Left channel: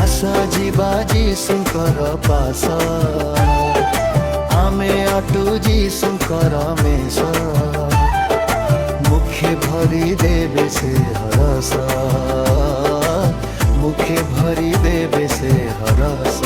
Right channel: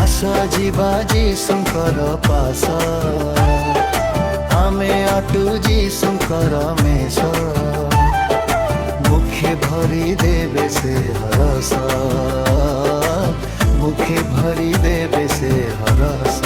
आशा जीवा जीशुंकर पास आमे आटू जीशुंकर मेष मुखे भरी देवे से हरस मुखे भरी देवे से हरस।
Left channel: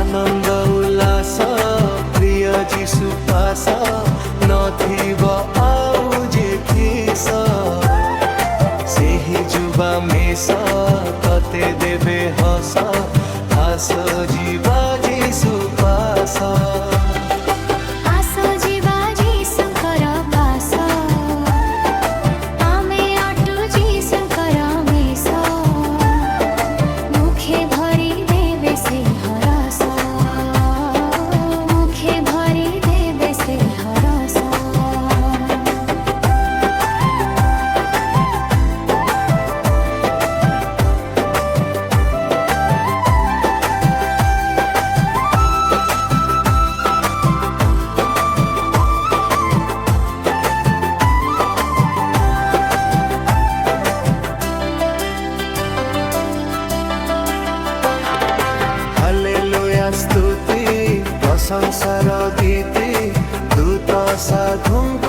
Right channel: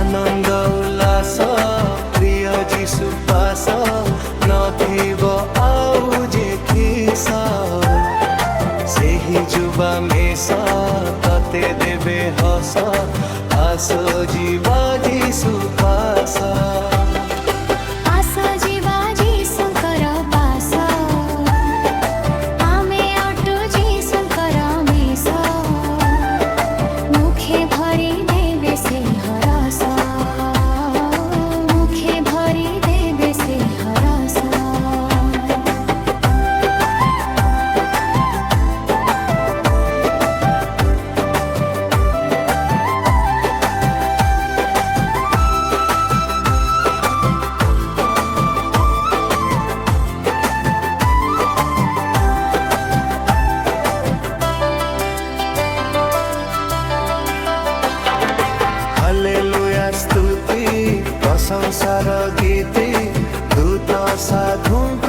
आनंद उल्लास प्रिय जीशु पास नथिब आउ जे खीस सेही जुबा मेष तते देबे हस आस जीवा जीशु पास। मुखे भरी देवे से हरस मुखे भरी देवे से हरस। हालेलुया स्तुति प्रशंसार गीति दूत साधुंक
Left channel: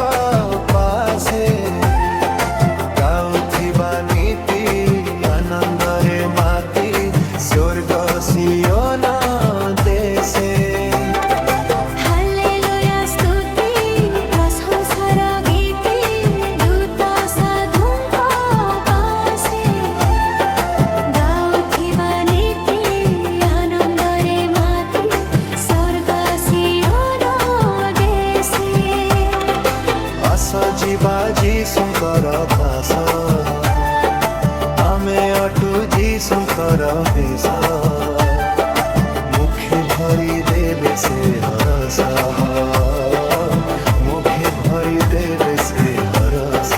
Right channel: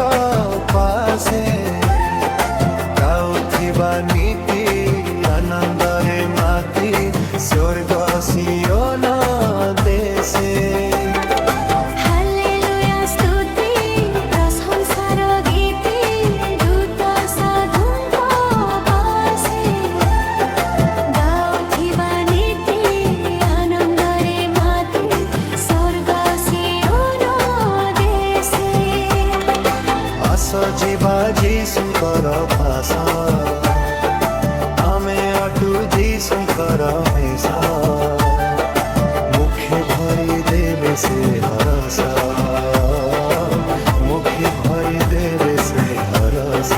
पासे गाउथिबा नीति आनंदरे माती स्वर्ग सियोन देशे। हालेलुया स्तुति प्रशंसार गीति दूत साधुंक पासे गाउथिबा जीवा जीशुंकर पास आमे अटू जीशुंकर मेष मुखे भरी देवे से हरस मुखे भरी देवे से हरस।